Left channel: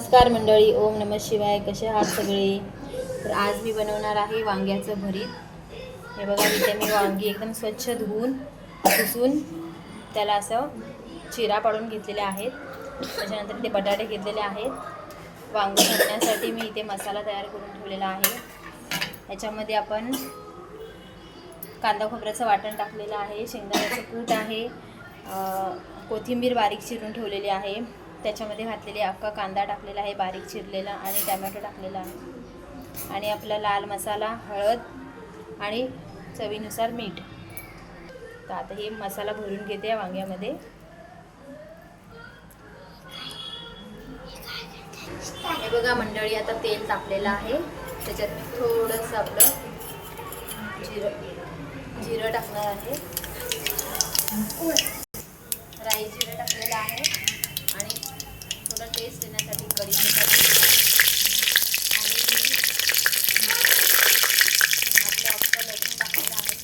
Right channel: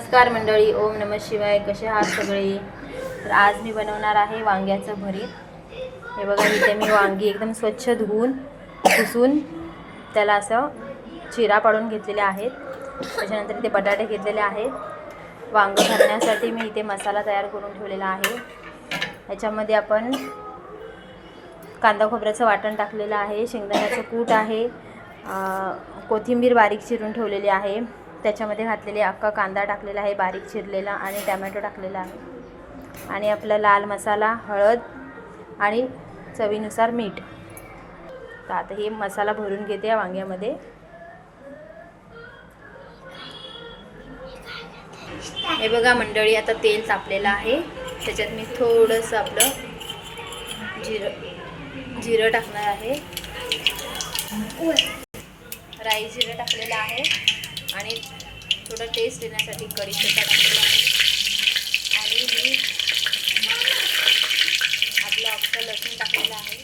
नमस्कार मंडळी, ओम नमः शिवाय. कसे आहात सगळे? तर आज मी बनवणार आहे वांग्याचं भरीत. हे बघा, इथे मी वांगी एकदम स्वच्छ धुवून पुसून त्याला असं चिरा पाडून घेतलेले आहेत. त्याच्यानंतर इथे बटाटे घेतलेले आहेत. वांग भरण्यासाठी मी इथे मसाला तयार करून ठेवलेला आहे. याच्यामध्ये आपण कांदा खोबऱ्याचं वाटण टाकलेलं आहे, शेंगदाण्याचं कूट आहे, कोथिंबीर बारीक चिरून ठेवलेली आहे, त्याच्यामध्ये घातलेले अख्खा कांदा टाकलेला आहे बारीक चिरलेला, आणि टमॅटो टाकलेला आहे, आणि आपला लाल मसाला, हळद आणि चवीनुसार मीठ. तर आता हे मसाला भरून घेते या वांग्यामध्ये. हे बघा मंडळी, आता तेल तापलेलं आहे. त्याच्यात मी थोडंसं आपलं जिरं टाकणार आहे, राई जिरं टाकलेलं आहे, आणि थोडं टेस्ट येण्यासाठी कढीपत्ता टाकलेला आहे, आणि मी आपलं अख्खं लसूण टाकलेलं आहे.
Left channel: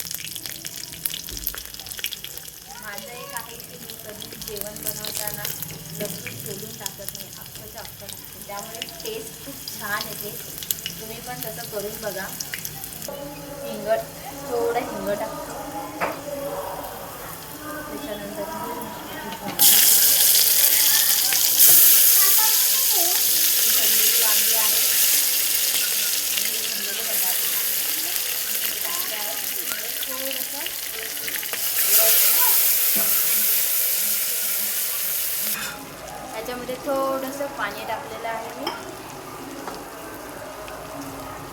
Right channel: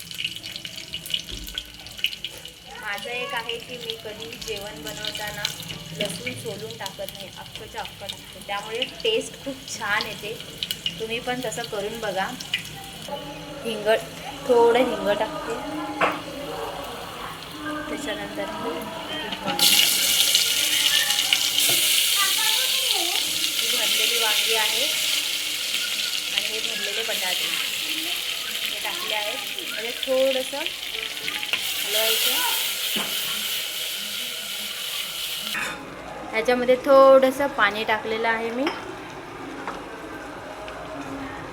माझं एक आहे की मी कधी जेवण बनवताना लसूण सोलून टाकत नाही, अख्खंच्या अख्खं टाकते, त्यामुळे टेस्ट खूप छान येते. तुम्ही पण तसं करून बघा. थोडं हिंग टाकते, त्याच्यानंतर भरलेली वांगी आहे, आणि हे भरलेले बटाटे हे टाकले आहेत. म्हणजे थोडंसं ह्याच्यामध्ये थोडंसं पाणी टाकलेलं आहे. मी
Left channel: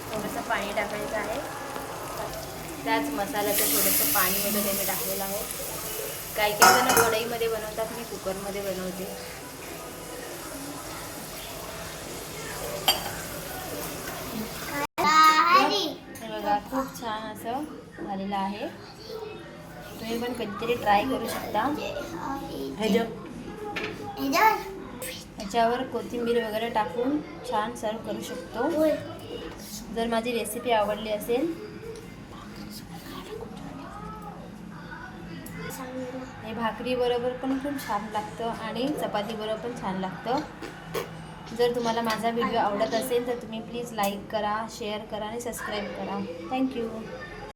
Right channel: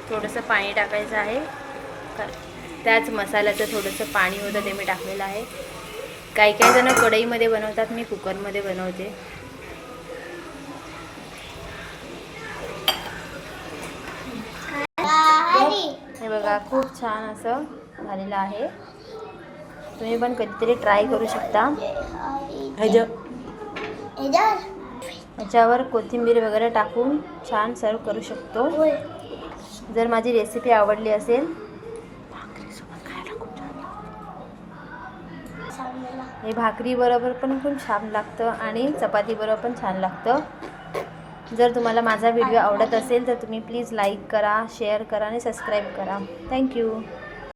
थोडंसं पाणी टाकायचं आहे. त्याच मसाल्याचं थोडंसं पाणी होतं ते मी टाकलेलं आहे. काही जण कढईमध्ये बनवतात, मी कुकरमध्ये बनवते. हे बघा, खूप छान असं झालेलं आहे. तुम्ही पण कधीतरी ट्राय करू शकता. ह्याच्यावर कोथिंबीर वगैरे टाकून छान सर्व करू शकतो. जर माझी रेसिपी आवडली असेल, हे भाकरी बरोबर पण खूप छान लागतं, आणि चपाती बरोबर पण छान लागतं. जर तुम्हाला माझा व्हिडिओ आवडत असेल तर तुम्ही प्लीज लाईक करा, शेअर करा आणि सबस्क्राईब करा. थँक्यू.